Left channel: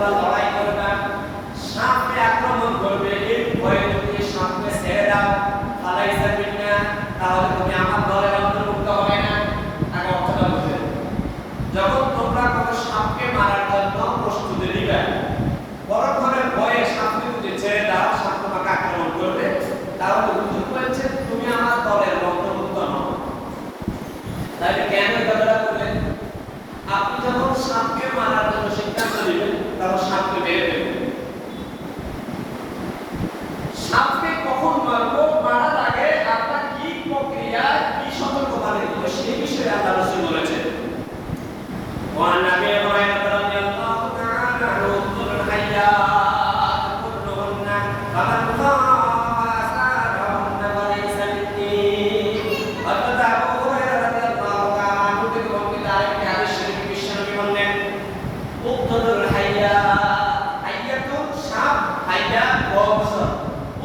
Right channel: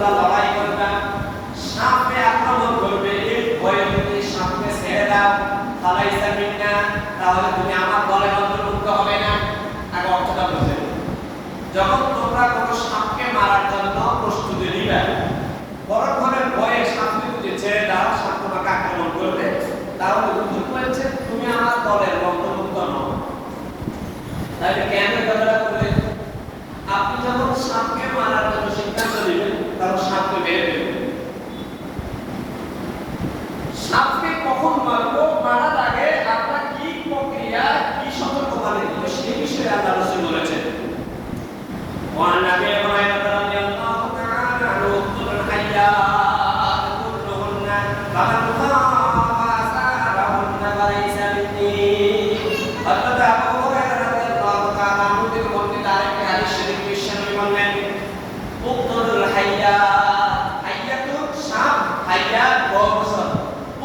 তোমরা লড়াই করবে, সাপে আক্রমণ করবে, এই ভয়ে তুমি সাপকে ছেড়ে দাও, ফালাইসা মিন্না, তাহলে তুমি আমার দলের অন্তর্ভুক্ত হবে না। আগে অর্থটা বুঝে, যখন তোমরা কোনো সাপকে মারার জন্য প্রস্তুতি নিবে, পরক্ষণের ভয়ে সাপকে যদি ছেড়ে দাও, সাপ তোমাকে আক্রমণ করবে, তাহলে হুজুর বলেছে তুমি আমার দলের অন্তর্ভুক্ত নও। তাই কেন এই কথাটা বললেন? আপনি যখন সাপকে মারার জন্য সিদ্ধান্ত নেবেন, তখন সাপকে বের করবেন। সাপকে কখন মারবো, মারার আগে আপনার কি প্রক্রিয়া, কি সতর্কতা নিতে হবে, সেই বিষয়ে আল্লাহ রাসূল বলেছেন। ওয়া নাবী ইব্রাহিম রাদিয়াল্লাহু তাআলা আনহু উকতুল হাইয়াত কুল্লুহুন্না ফামান খাফা আসারাহুন্না ফালাইসা মিন্নী। হযরত আবু হুরায়রা রাদিয়াল্লাহু তাআলা আনহু থেকে বর্ণিত আরেকটি হাদিস শরীফ বিশ্বনবী বললেন, উকতুল হাইয়াত, হাইয়াতুন সাপ, হাইয়াত বক্সর,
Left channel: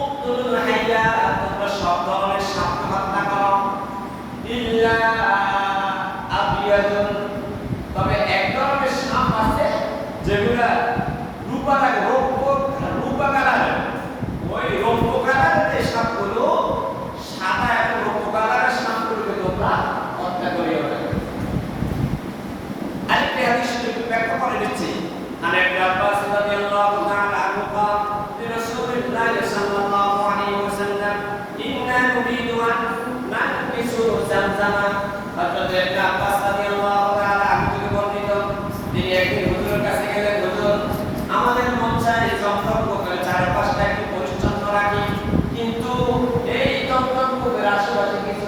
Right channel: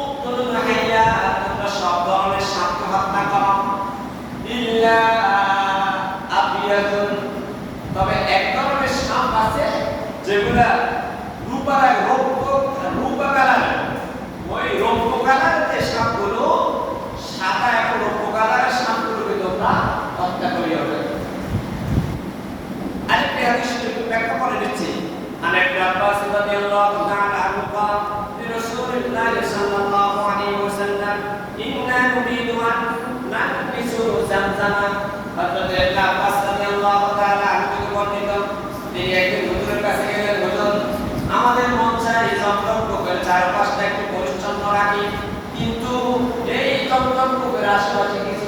উকতুল হাইয়াত, তোমরা সব ধরনের সাপকে হত্যা করো, ইল্লা আবিয়াদুন, তবে এক ধরনের সাপ আছে যেগুলা রূপা কালার, ওই রৌপ্য কালারের যে সাপগুলো, সাদা এবং রৌপ্য কালারের সাপগুলোকে তোমরা হত্যা করিও না। আরেকটি হাদিস শরীফ ব্যাখ্যা করে দিচ্ছি। আন ইবনে আব্বাস রাদিয়াল্লাহু তাআলা আনহু قال لرسول الله صلى الله عليه وسلم إنا نريد أن نحبس زمزم। হযরত ইবনে আব্বাস রাদিয়াল্লাহু তাআলা আনহু বর্ণিত, তিনি একদিন হুজুরের কাছে গেলেন, হুজুর আমাদের মন চায় জমজম কূপের চারপাশটা একটু পরিচ্ছন্ন রাখি, কিন্তু এই জমজম কূপের আশেপাশে কিছু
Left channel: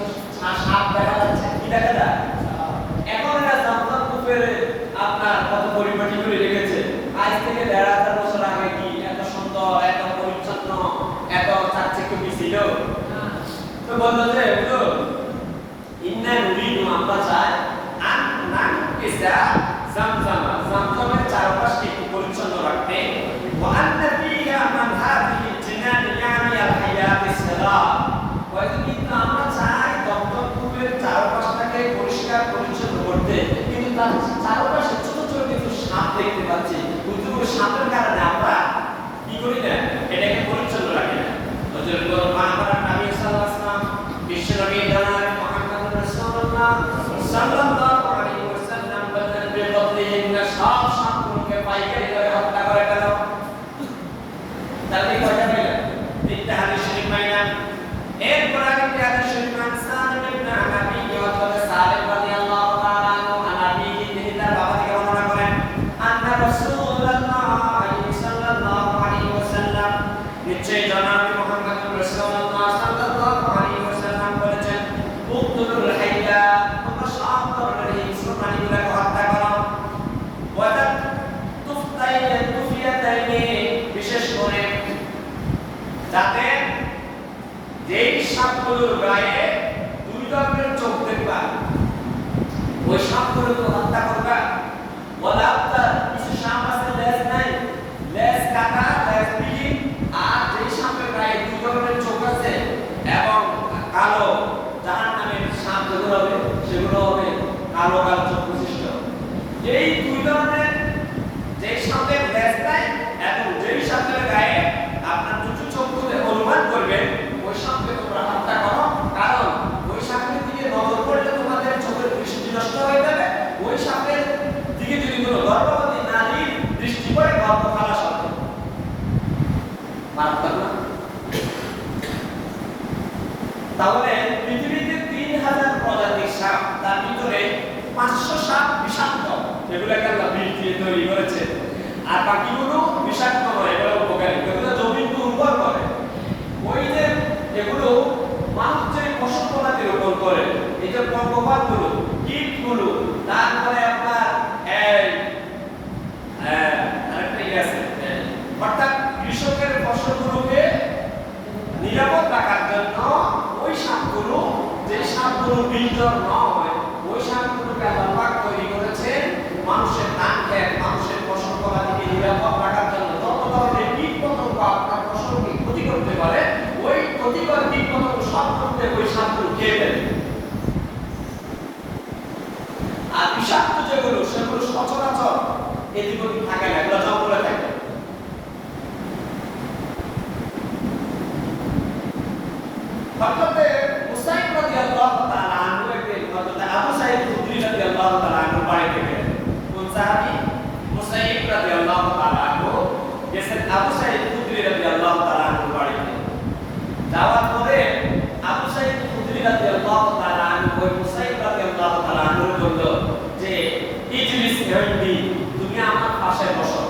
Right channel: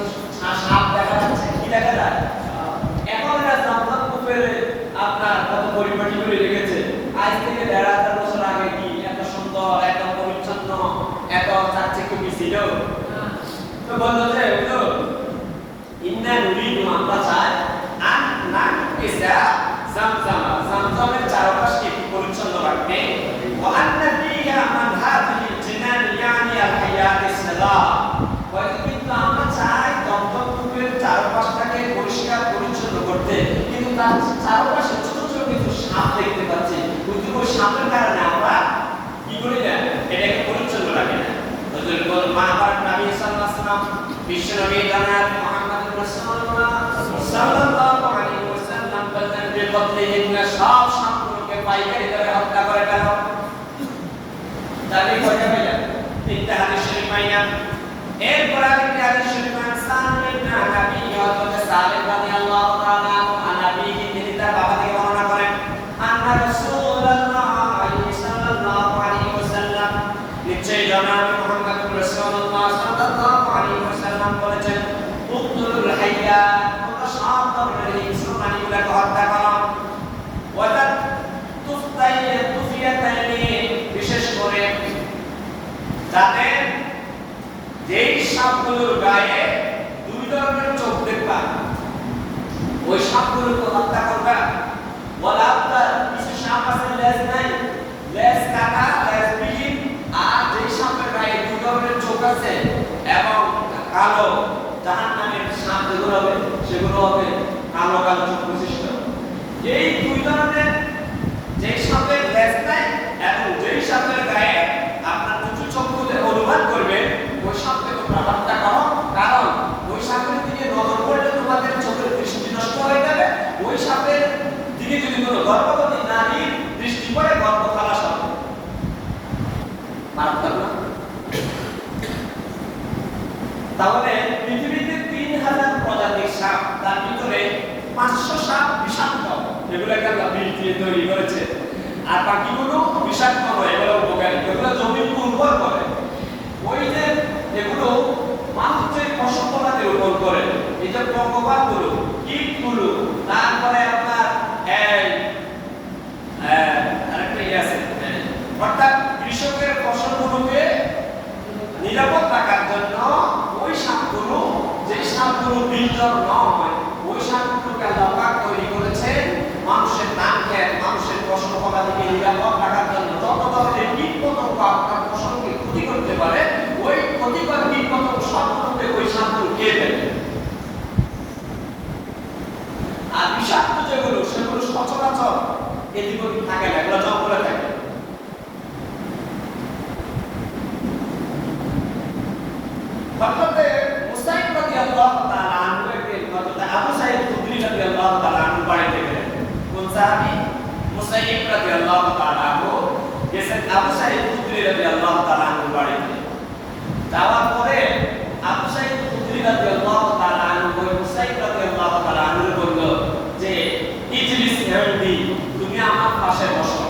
সাপ দেখা যাচ্ছে। কি দেখা যায়? এখন এরা জমজম কূপের আপনার কত পরিপাটি করে রেখেছে, আজ থেকে ১,৫০০ বছর আগে কি এত সুন্দর, এত পরিচ্ছন্ন, এত চাকচিক্য ছিল? তো বলল যে হুজুর ইন্না নুরিদু, আমরা চাই আন নাকিসা জামজামা, জামজামের চারপাশকে একটু পরিচ্ছন্ন রাখতে, ওয়া আন্না ফিহা মান হাযিহি জিনান ইয়ানি আল হায়াতিস সালাম, হয়তো কিন্তু আমরা চাই জমজম কূপের চারপাশটাকে পরিষ্কার পরিচ্ছন্ন করতে, কিন্তু তার চারপাশে ছোট ছোট কিছু সাপ দেখতে পাচ্ছি, কিন্তু ওই সাপের কারণে আমরা কি করি না, এটাকে পরিচ্ছন্ন রাখি না। হুজুর বলেন মানবারান নবী সাল্লাল্লাহু আলাইহি ওয়াসাল্লাম, বিশ্বনবী জনাব মুহাম্মদুর রাসূলুল্লাহ সাল্লাল্লাহু আলাইহি ওয়াসাল্লাম বলেন, বিকতলিহিন্না, সব সাপগুলোকে পাইকারি দরে হত্যা করে ফেলো। তাহলে কয়টা পেলাম? তিনটা হাদিস শরীফ পাইলাম। এরপর আরেকটি হাদিস শরীফ সালিম ইবনে আনাবি, হযরত সালিম রাদিয়াল্লাহু তাআলা আনহু আনাবি, তিনি তার বাবা থেকে বর্ণনা করেন, আন্না রাসূলুল্লাহ সাল্লাল্লাহু আলাইহি ওয়াসাল্লাম, নিশ্চয়ই জনাব মুহাম্মদুর রাসূলুল্লাহ সাল্লাল্লাহু আলাইহি ওয়াসাল্লাম বলেছেন, উকতুল হাইয়াত, তোমরা সব ধরনের হিংস্র প্রাণীগুলোকে হত্যা করো, ওয়া তুফিয়াতাইনি, বিশেষ করে যাতে যেই সাপগুলোর গায়ে দুই ধরনের চোখ দেখবা, ওই সাপগুলোকে হত্যা করবা। ওয়ালা আফতার, কিছু সাপ আছে লেজ নাই, লেজ কাটা, লেজ বিহীন, আর যেই সাপের গায়ে দুই ধরনের চোখ আছে এবং কালো, জাহান্নামের সাপ যেগুলো হবে সেগুলো হবে কালো কালো চোখ বিশিষ্ট। এই দুই ধরনের, যেই সাপের লেজ নাই এবং যেই সাপের গায়ে আপনার দুটো চোখ তুলে অনুমান করবেন, ওই সাপকে তোমরা হত্যা করো, কারণ ওই সাপের দিকে নজর পড়লে তোমাদের চোখের দৃষ্টি নষ্ট হয়ে যাবে। ওই সাপের দিকে যদি কোনো গর্ভবতী নারীর দৃষ্টি পড়ে, গর্ভ খালাস হবে। মারাত্মক না? তাহলে পৃথিবীতে ৩,০০০ প্রজাতির সাপ, তার ভিতরে ৫০০ সাপ বিষাক্ত, এগুলোকে আল্লাহ বিষ দিয়ে তৈরি করেছে, আর বাকিগুলো বিষাক্ত নয়, এগুলো উপকারী, এগুলো জমির উর্বর করে। ওই যে এগুলো মানুষ যে ফসল ফলাতে রোপণ করে, এই যে পঙ্গপাতগুলো, কীটগুলো, তারপরে আপনার আরেকটা আছে, অর্থাৎ কৃষকের ফসলগুলোকে নিরাপদ রাখার জন্য ওই সাপগুলো, যে সাপগুলো বিঞ্জর নয়, ওই সাপগুলোকে আল্লাহ পাক তৈরি করেছেন মানুষের ধান ক্ষেত, মানুষের ফসল ফলাদিকে নিরাপদ রাখার জন্য। যত ধরনের কীট পতঙ্গ আপনার ফসলকে ক্ষতি করতে পারে, ওই ক্ষতিকর কীট পতঙ্গ সব মধ্যে ওই সাপগুলো খেয়ে ফেলে। আর বিষাক্ত যেগুলো, সেগুলো সচরাচর এদিক ওদিক থাকে না, এগুলো জঙ্গলে থাকে। গেছেন আবু সাঈদ খুদরি রাদিয়াল্লাহু তাআলা আনহু বাড়িতে। যাওয়ার পরে আবু সাঈদ খুদরি রাদিয়াল্লাহু তাআলা আনহু মুসাইব রাদিয়াল্লাহু তাআলা আনহু বলল যে ইজলিস ইনদি, তুমি আমার পাশে বসো।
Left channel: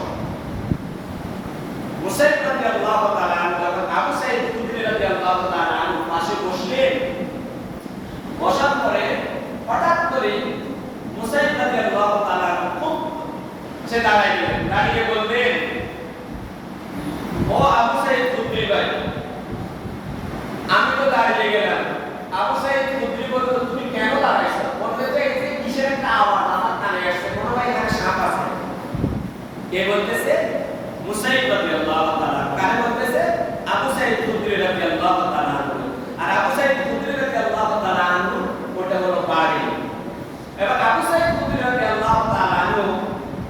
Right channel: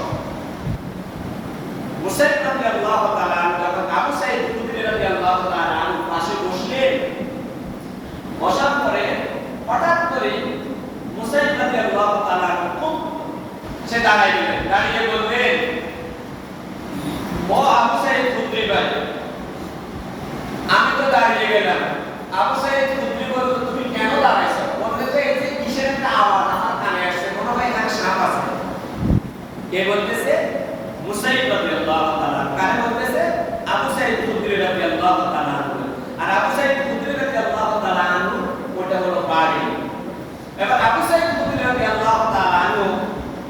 মুসাইব রাদিয়াল্লাহু তাআলা আনহু যখন আবু সাঈদ খুদরি রাদিয়াল্লাহু তাআলা আনহু পাশে বসলেন, বসার পরে হঠাৎ করে মুসাইব রাদিয়াল্লাহু তাআলা আনহু সে দাঁড়াইলেন, দাঁড়িয়ে বললেন, ও আবু সাঈদ খুদরি ভাই, আমি তো দাঁড়িয়ে গেলাম। আবু সাঈদ খুদরি বলল, তুমি কেন দাঁড়াইছো? বলতে যে এই যে কিসের একটা আওয়াজ আমার কানে আসছে, মনে হয় এখানে সাপ আছে। কে বলতেছে? মুসাইব রাদিয়াল্লাহু তাআলা। কানে বলতেছে আবু সাঈদ খুদরি রাদিয়াল্লাহু তাআলা। আর আবু সাঈদ খুদরি রাদিয়াল্লাহু তাআলা আনহু ওটা হলো বাড়ি। এবার আবু সাঈদ খুদরি রাদিয়াল্লাহু তাআলা আনহু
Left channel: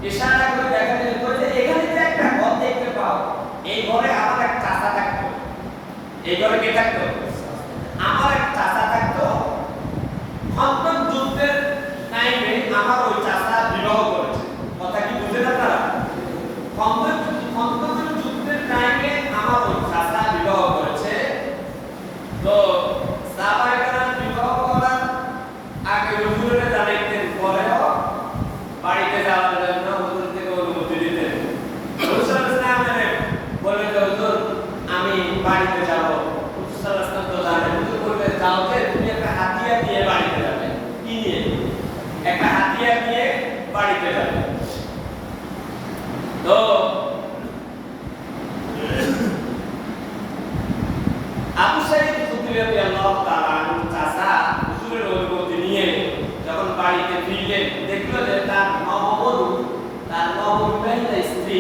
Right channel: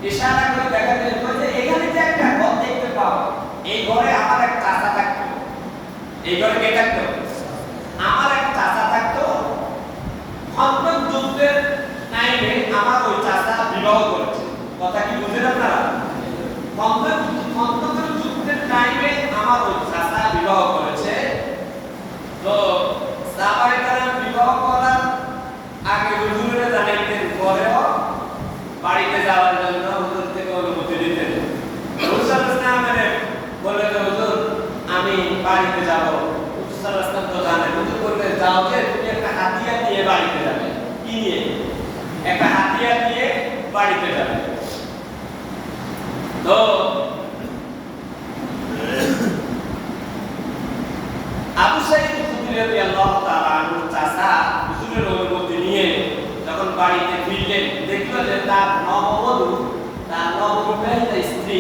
ইশারা করে দেখালেন যে এখানে যে একটা ঘর দেখতে পাও, এই ঘরে আমার এক চাচা থাকতো। এই ঘরে কে থাকতো? আমার এক চাচা থাকতো। খন্দক যুদ্ধের টাইমে আমার ওই চাচা বিবাহ করেছে। কথা কি বুঝলেন আপনারা? খন্দক যুদ্ধের টাইমে আমার ওই চাচা বিবাহ করেছে। তো সাহাবায়ে কেরাম বিবাহ করার আগে হুজুরে জানাইতেন, পরেও বাড়িতে যাওয়ার জন্য হুজুর থেকে অনুমতি দিতেন। হুজুর সাল্লাল্লাহু আলাইহি ওয়াসাল্লাম বললেন, হুজুর আমি বাড়িতে যাব। হুজুর সাল্লাল্লাহু আলাইহি ওয়াসাল্লাম তো জানেন। হুজুর বললেন, যাও যে তুমি একটা হাতিয়ার নিয়ে বাড়িতে যাবে। কি নিয়ে? একটা হাতিয়ার নিয়ে বাড়িতে যাবে। তো আবু সাঈদ খুদরি রাদিয়াল্লাহু তাআলা আনহু চাচা হুজুরের অনুমতি নিয়ে যখন বাড়িতে ফিরলেন, দেখলো যে তার নববিবাহিত স্ত্রী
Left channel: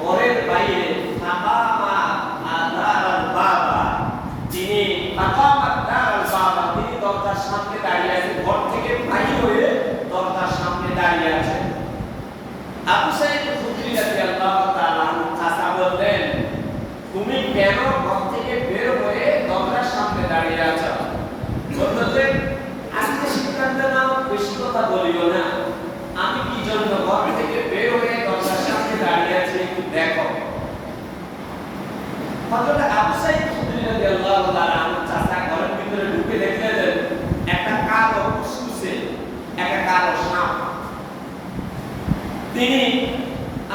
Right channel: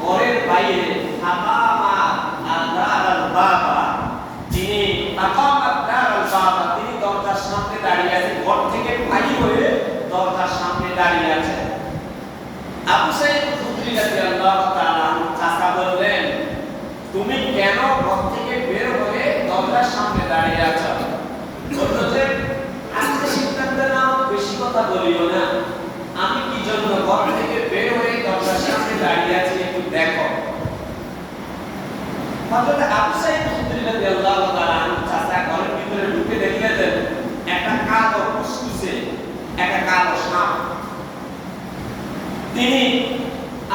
ঘরের বাইরে তিনি দরজার সামনে দাঁড়িয়ে আছেন। ঘর থেকে বাইরে হয়ে দরজার সামনে দাঁড়িয়ে আছেন। আবু সাঈদ খুদরি রাদিয়াল্লাহু তাআলা চাচা বললেন, তুমি কেন ঘর থেকে বের হয়ে দরজার সামনে দাঁড়িয়ে আছো? বলল যে আজকে সিদ্ধান্ত নাও, বেশি কথা বলিও না। আমি কি জন্য ঘর থেকে বের হয়ে দরজার সামনে দাঁড়িয়ে আছি একটু দেখো। হযরত আবু সাঈদ খুদরি রাদিয়াল্লাহু তাআলা চাচা ঘরের ভিতরে ঢুকে দেখলেন একটা কালো কুসকুসে একটা কালো সাপ। তিনি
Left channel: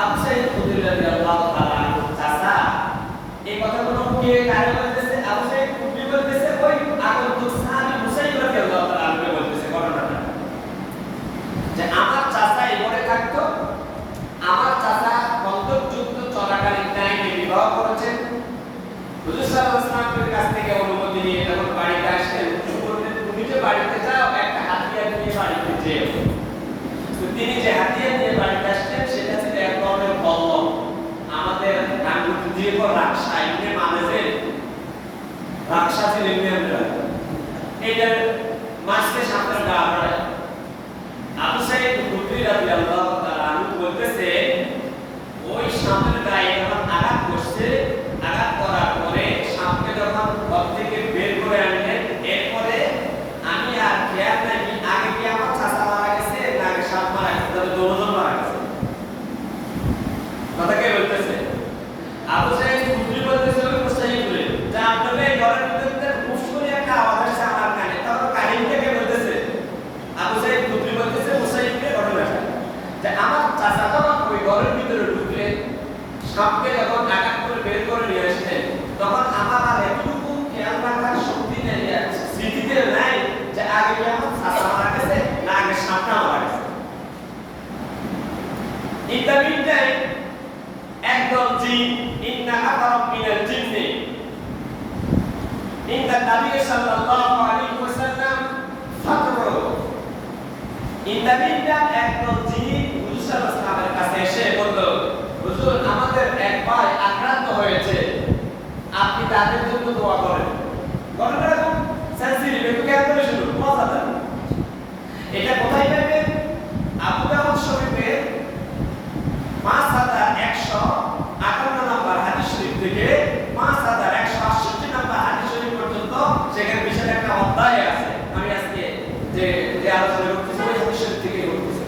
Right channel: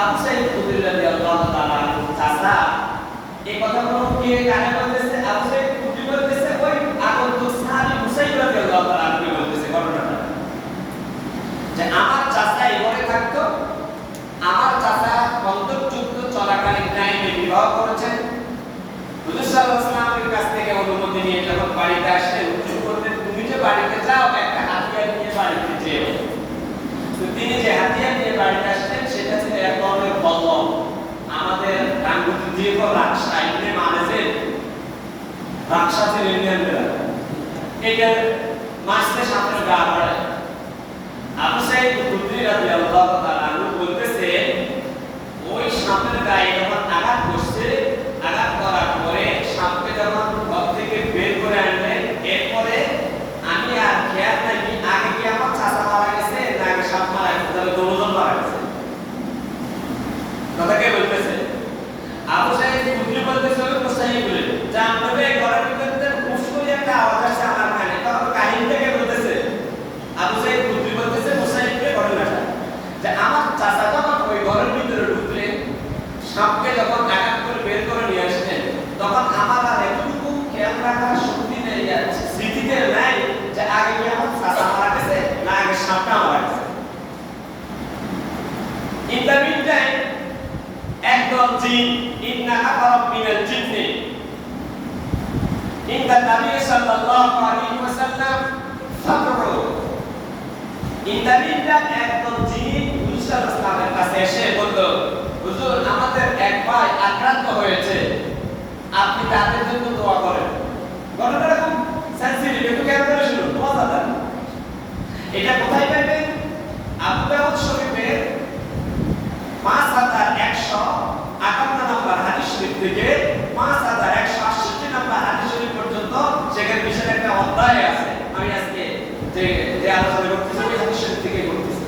আবু সাঈদ খুদরি রাদিয়াল্লাহু তাআলা চাচা এই কথাগুলো কে কানে বলতেছে? আবু সাঈদ খুদরি বলতেছে, ওই আগন্তুক সাহাবী মুসাইব রাদিয়াল্লাহু তাআলা বলতেছে ঘটনাটা যে আমার চাচা এই ঘরে থাকতো। আমার চাচা খন্দক যুদ্ধ চলাকালীন টাইমে বিবাহ করেছেন। হুজুর সাল্লাল্লাহু আলাইহি ওয়াসাল্লামের কাছ থেকে অনুমতি নিয়ে যখন বাড়িতে আসলেন, হুজুর বললেন, তুমি যে বাড়িতে যাও একটা হাতিয়ার নিয়ে বাড়িতে যেও। তো তিনি যে হাতিয়ার নিয়ে বাড়িতে আসলেন সেটা ছিল এক ধরনের বল্লম। আমাদের গাঙ্গুতি দিয়ে রাকশা এমনি মানে রাকশা ছিল ইন্ডিয়ানরা, এটা মাসে সামনে গা বাড়ায়। আবু সাঈদ খুদরি রাদিয়াল্লাহু তাআলা বলতেছে, ওই সামনের গায়ে যখন আঘাত করছে, আঘাত করার পরে সামনে যখন ঘর থেকে বের করে আনলেন, এরপরে আমি আর খেয়াল নাই আগে কি আমার চাচা মারা গেছে না আগে সাপ মারা গেছে, তবে দুজন মারা গেছে। কথা কে বলতেছে? আবু সাঈদ খুদরি বলতেছে, ওই মুসাইব বলে জানতে হবে ঘরের ভিতরে মুশকিল একটা আওয়াজ আসছে আমার কানে। তখন কাহিনীটা কে বলতেছে? আবু সাঈদ খুদরি বলতেছে মুসাইবকে ঘটনাটা যে আমার চাচা যখন ওই ঘরের ভিতরে ঢুকলেন, সাপকে যখন আঘাত করে বের করে নিয়ে আসলেন, তখন আমার আর এতটুকু খেয়াল রাখার শক্তি নেই, স্মৃতিতে নাই যে আগে কি আমার চাচা মারা গেছে না আগে সাপটা মারা গেছে। ইন দ্য মিন টাইম একদল জিন ইন্না আকারাম মিনাল জিন্নি ইনদা নবী সাল্লাল্লাহু আলাইহি ওয়াসাল্লাম ফাতরু। ইন দ্য মিন টাইম একদল জিন হুজুর সাল্লাল্লাহু আলাইহি ওয়াসাল্লামের কাছে এসে বলল, হুজুর আমাদের এক ভাই আক্রান্ত হয়েছে, আপনি তাদের জন্য দোয়া করেন। ঘটনাটা খুব সেনসিটিভ, একটু খেয়াল করে শুনুন, মজাদার। এটা কোথায় পাবেন? আবু দাউদ শরীফের 5158 নম্বর হাদিস শরীফ থেকে 5168 নম্বর হাদিস শরীফ পর্যন্ত সেখানে বিশাল একটা অধ্যায় আছে। আমি আজকে যে আলোচনা করতেছি ওই হাদিস শরীফ থেকে করতেছি।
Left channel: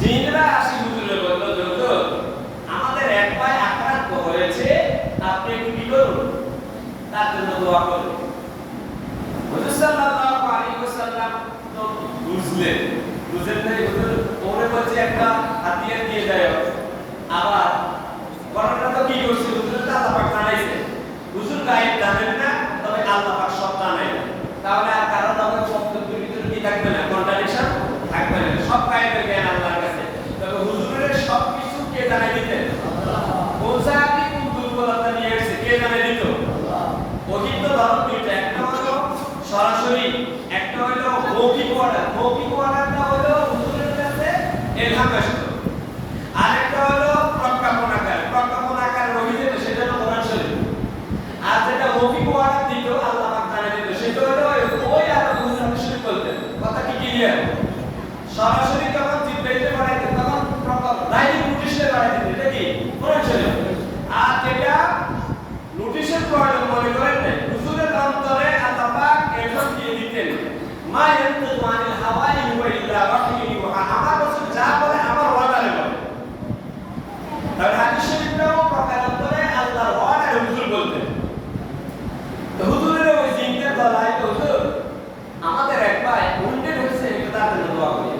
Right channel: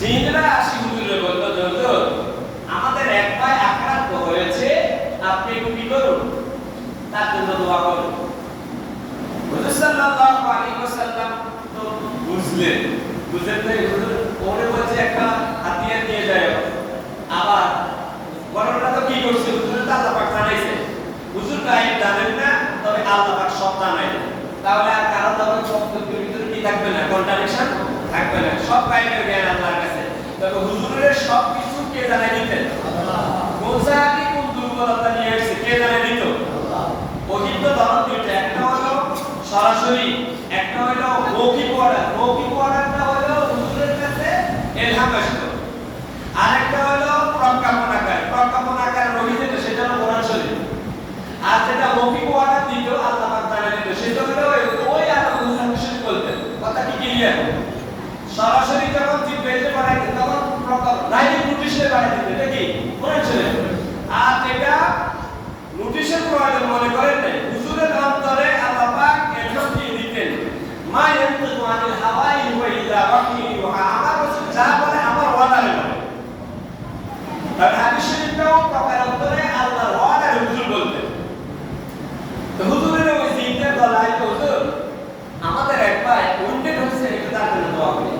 জিনেরা আসি হুজুরে বলল, হুজুর দোয়া করো। হুজুর সাল্লাল্লাহু আলাইহি ওয়াসাল্লাম তো বুঝলেন নাই, হুজুর ওরে বলছে একটা হাতিয়ার দিয়ে যায়, আবার বড়টা তো কি করছে, হুজুর তো আল্লাহ পাক জানাইছে, হুজুর গায়েব জানেন না, তবে আল্লাহ পাক সব জানেন। তাহলে আর কারো তবে শব্দের ভিতরে কি থাকবে না, কন্ট্রাডিকশন থাকবে না, সব গায়েবের জ্ঞান আল্লাহর কাছে। তবে হুজুরের সব কিছু কে জানাই দিতেন? আল্লাহ। কোন জায়গায় কোন দুর্বলতা নিয়ে এসেছে কে জানাই দিত? আল্লাহ। ওহীর তো ধরন দুইটা, একটা হলো সরাসরি, একটা হলো মৌখিক ওয়ার্ডার। মৌখিক ওয়ার্ডারটা হলো হুজুরের কাছে ইলহাম আসতো, আরেকটা হলো প্রজ্ঞাপন আকার। প্রজ্ঞাপন আকার ওহী যেটা সেটা হলো কোরআন শরীফ। আর যেটা মৌখিক ওয়ার্ডার দিত আল্লাহ পাক জানাই দিত, সেটা হলো ওই আল্লাহ কোরআন শরীফ বলতেন। কথা কি ক্লিয়ার? সরাসরি যখন জিব্রাইলে পাঠায় দিত তখন প্রজ্ঞাপন, ডাইরেক্ট নোটিশে পাঠায় দিত, এটা কি কোরআন শরীফ। আর যেটা নোটিশের প্রয়োজন মনে করেন না, হুজুরের অন্তরে আল্লাহ পাক এলহাম দিয়ে দিতেন, মা ইয়ানতিকু আনিল হাওয়া ইন হুয়া ইল্লা ওয়াহয়ুন ইউহা। আমার রাসূল যা বলে আমার ওয়াদারে বলে। তাহলে হাদিস শরীফটাও প্রকার অন্তরে আল্লাহর ওয়াদারে হুজুর বলতেন। তো হুজুরের ওই জিনদের গলায় তো হুজুর আমাদের এক ভাই উন্ডেড হচ্ছে, এটা তার জন্য দোয়া করি।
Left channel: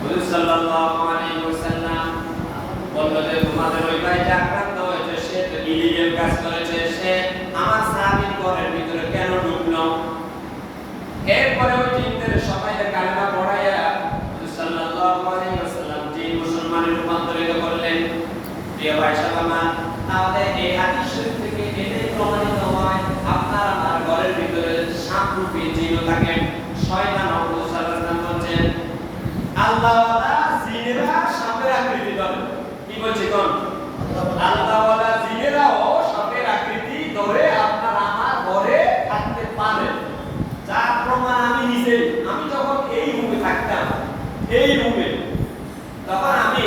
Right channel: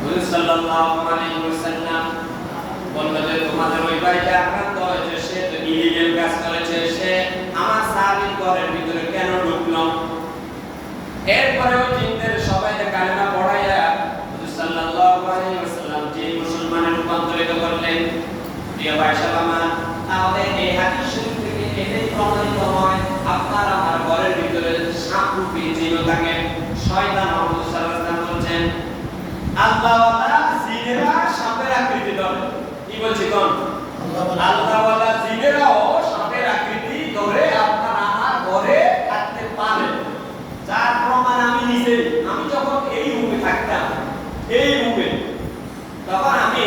হুজুর সাল্লাল্লাহু আলাইহি ওয়াসাল্লাম বললেন যে তোমাদের ওই ভাইটা আক্রান্ত হয়েছে, সে তো ইলিগাল কাজ করেছে, সে আমার সাহাবীর ঘরের ভিতরে কেন ঢুকলো? এরপরে ওই জিনদের সবাইকে কালেমা পড়াইয়া হুজুর সাল্লাল্লাহু আলাইহি ওয়াসাল্লাম জিন মুসলমানে রূপান্তরিত করলেন। প্রিয় ভাই সালামা, তাহলে এই হাদিস শরীফ থেকে এটাই প্রমাণিত হয় আপনার আমার ঘরের ভিতরে সাপরূপী জিনও থাকে, শয়তান। হুজুর সাল্লাল্লাহু আলাইহি ওয়াসাল্লাম বলেন আল্লাহওয়ালা জিনেরা সাপের আকৃতি ধরে। কি বলছি কোন? আল্লাহওয়ালা জিনেরাও সাপের আকৃতি ধরে আপনার আমার ঘরে থাকতে পারে। যার প্রমাণ আমি নিজেই, আমি যখন এই রুমে থাকতাম, এই রুমে, তখন আমি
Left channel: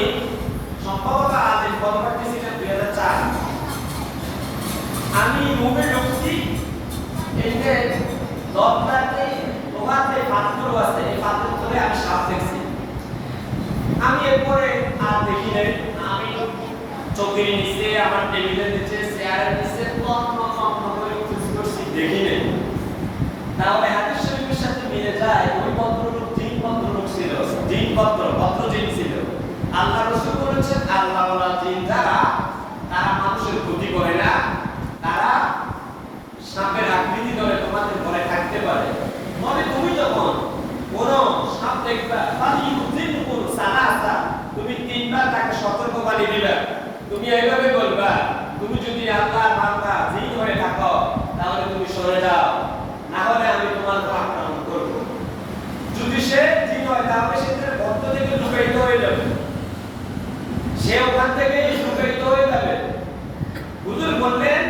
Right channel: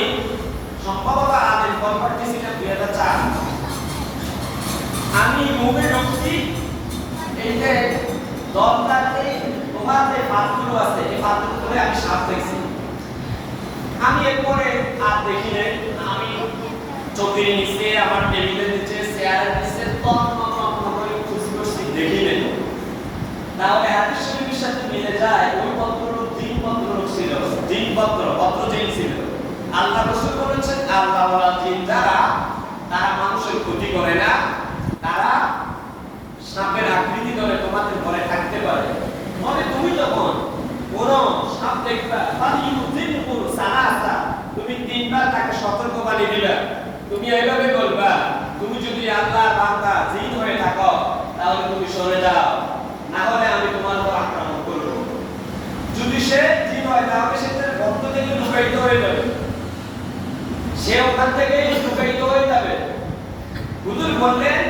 সম্ভবত আজ বলবারটি ছিলেন 2004, আমি রুমে ঢুকছি, এই যে দরজাতে তোমার যে পাথরগুলো আছে, এই পাথর করে আমি সাপ দেখছি। আমি এরপরে আর দেখি নাই, আমি চোখের নিচে, আমার টেবিলের নিচে, চেয়ারের নিচে তন্ন করে খুঁজ করছি, দেখি নাই। তাহলে হাদিস শরীফের সাথে মিলে যায় ওই পত্ররূপ জিন পত্ররূপ ছিল, জিন পত্র জিন ছিল। আল্লাহ রাসূল বলেছেন আল্লাহওয়ালা জিন যারা, তারা মানুষের ক্ষতি করে না, তারা সাপের আকৃতি ধরে তোমাদের ঘরে থাকতে পারে। তবে তুমি যখন কোন সাপ দেখবা, তুমি 3 বার তাকে সতর্কবাণী দিবে। তুমি এইভাবে বলবা, তুমি যদি আল্লাহর বান্দা জিন হয়ে থাকো তাহলে তুমি সরে যাও, না হলে আমি তোমার উপর আক্রমণ করব। যদি সে জিন হয় তাহলে সে তার ভক্ত থেকে লুকায়িত হয়ে যাবে, সে ওখান থেকে লুকায়িত হয়ে যাবে। হুজুর বললেন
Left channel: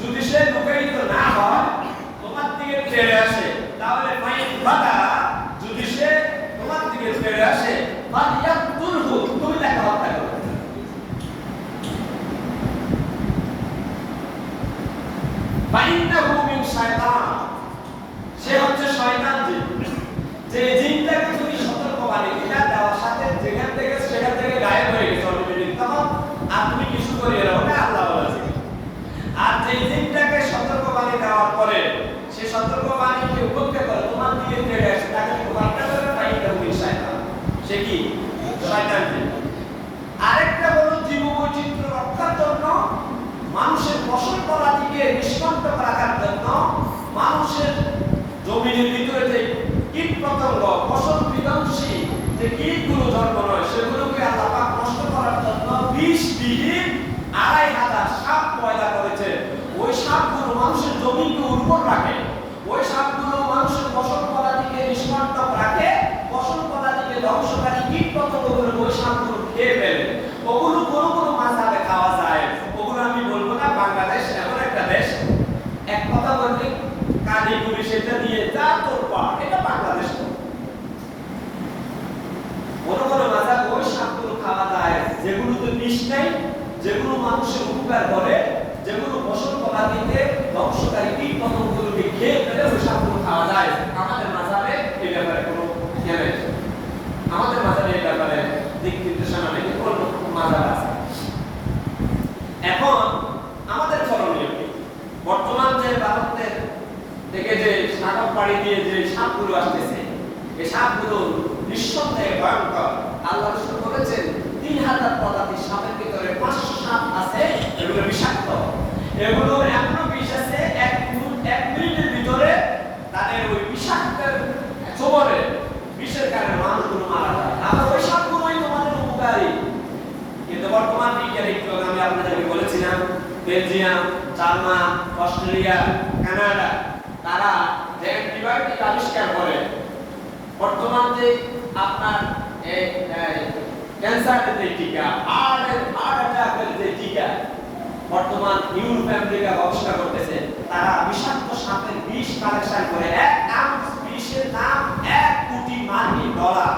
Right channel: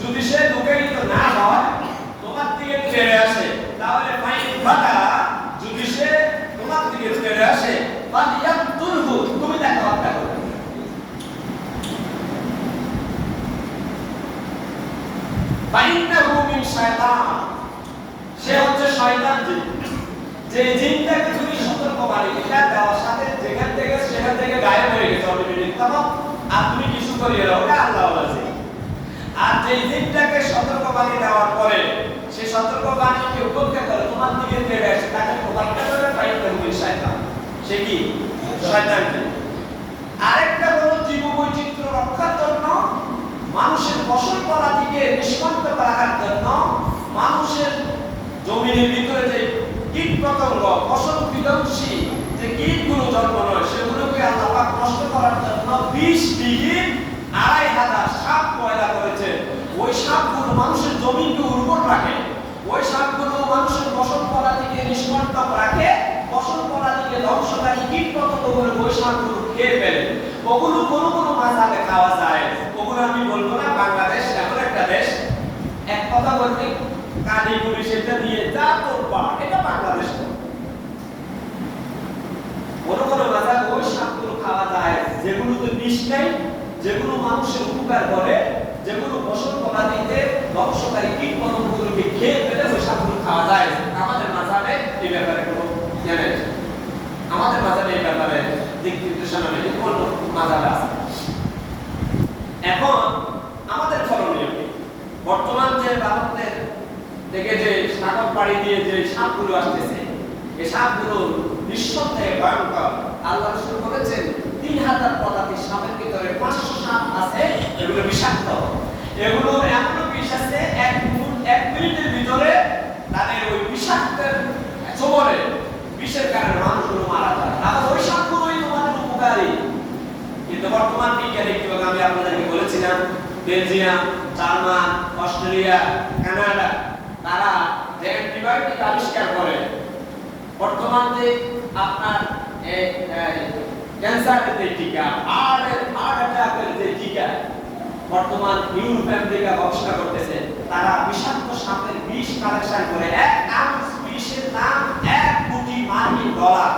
যদি সে লুকায়িত না হয়, তোমার দিকে ফিরে আসে, তাহলে যদি সে তোমার দিকে ফিরে আসে তুমি তাকে হত্যা করো। সে হচ্ছে শয়তান জিন। যে জিনটাকে তুমি সতর্কবাণী দেওয়ার সাথে যেখান থেকে সেখান থেকে গায়েব হয়ে গেছে অটোমেটিক, তখন আর তুমি কিছু করিয়ে দাও, ওটা আল্লাহওয়ালা জিন। আর যে জিনটাকে সতর্কবাণী দেওয়ার পরে সে সতর্কবাণীকে উপেক্ষা করে তোমার দিকে ফিরে আসে, তাকে প্রমাণটা করে শয়তান। সে কি? শয়তান জিন। আরেকটা হলো জীববৈচিত্র্য রক্ষার জন্য, মানুষের ফসল ফলাদিকে নিষ্কান্ত রাখার জন্য, মানুষের জমিনের ভিতরে যে কীট পতঙ্গ, ফসল বিধ্বংসী যে কীটগুলো জন্ম নয়, সেগুলোকে আল্লাহ পাক নষ্ট করার জন্য 20 বিঘিত 2500 সাপ পয়দা করেছে। ওই সাপগুলো মানুষের জমিনকে উর্বর রাখে, ওই সাপগুলো মানুষের ফসল ফলাদিকে নিষ্কান্ত রাখে, ফসল ফলাদিকে ধ্বংসকারী কীট পতঙ্গগুলো ওই সাপগুলো খেয়ে ফেলে। ওগুলো কোনো মাঝাবে খাওয়া যায়, ওগুলো আমি বলবো না। বাংলাদেশ এমন একটা দেশ, এক কথা বলতে কাজী পুলিশ এটা দিয়ে যা করবা, এটা বাংলাদেশ। কোনো মাঝাবে ওই সাপগুলো খাওয়া যায় যেগুলোতে বিষ নেই, যেগুলো মানুষের উপকার করে, যেগুলো ফসল ফলাদিতে ধ্বংসকারী কীট পতঙ্গগুলোকে খেয়ে ফেলে, ওই সাপগুলো খাওয়া যায়। আমাদের মাঝাবে এই ব্যাপারে কোনো জ্ঞান নেই, আমাদের মাঝাবে এই ব্যাপারে দিক নির্দেশনা নেই, অন্য মাঝাবে আছে। এখন আমাদের করণীয় বর্তমান পাড়ি দিয়ে যে সাপগুলো আসতেছে, এই সাপগুলো নিঃসন্দেহে ভয়ঙ্কর। আল্লাহ রাসূল বলেছেন 3000 প্রজাতির সাপের ভিতরে 500 সাপ আছে, এগুলো বিষাক্ত। এগুলো এমন বিষ আছে, এক মিনিটের ভিতরে তাদের ওই বিষাক্তের ছোবলে বিষের কারণে মানুষগুলো মারা যায়। আবার ওই সাপগুলোই তোমাদের উপকারী। কিন্তু বর্তমান বিজ্ঞান একটু আমি আপনাদেরকে বলেছিলাম, বেলজিয়াম, জার্মান, অস্ট্রেলিয়া, কানাডা, তারা যে অ্যান্টিবায়োটিক আবিষ্কার করে, বর্তমান যে আপনার ক্যান্সারের যে টিকা, হার্ট অ্যাটাকের যে টিকা, বর্তমান ইউরোপ আমেরিকা গবেষণা করতেছে, তারা বিষাক্ত সাপের বিষ কালেকশন করে 1 আউন্স বিষের দাম $1,000,000,000।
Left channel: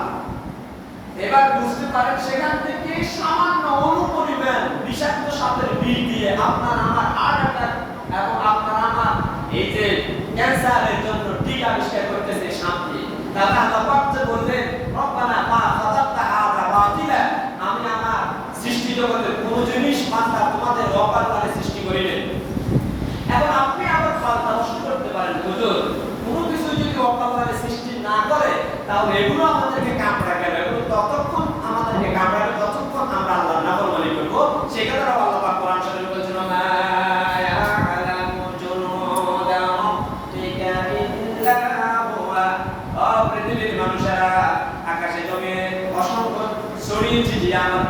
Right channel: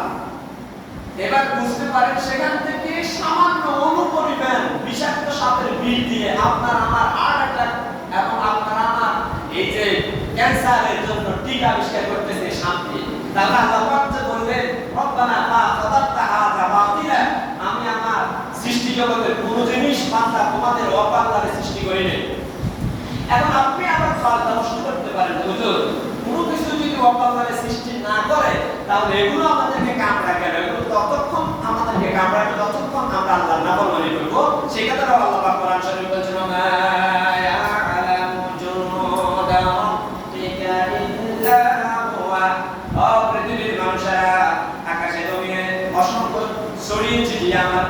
এবার বুঝতে পারেন সেখান থেকে সামান্য অনুপরিমাণ বিষাক্ত সাপের বিষ দিয়ে আপনার আমার হার্ট অ্যাটাক এবং আপনার আমার এই যে ক্যান্সারের জন্য টিকা আবিষ্কার করতেছে সাপটি। তাহলে আল্লাহ পাক যে বললেন, রব্বানা মা খালাকতা হাযা বাতিলা, আমি আমার সৃষ্টি জগতের কোন জিনিস বান্দা তোমাদের অকাল্লারে সৃষ্টি করি নাই। এখন আপনি আবার ফালতু প্রশ্ন করতে পারেন, হুজুর কোনো কিছু যদি অকাল্লারে সৃষ্টি না করে তাহলে এগুলো আমাদেরকে কামড়ায় কেন? এগুলো ততক্ষণ আমাদেরকে কামড়াবে ততক্ষণ আমরা আল্লাহর নাফরমানি করব। সেই কথাটা আল্লাহ পাক কোরআন শরীফে বলেছেন, মা ইয়ালামু জুনুদা রাব্বিকা ইল্লা হুয়া। ও পৃথিবীর মানুষেরা, আকাশে জমিনে অসংখ্য ছড়িয়ে ছিটিয়ে আমার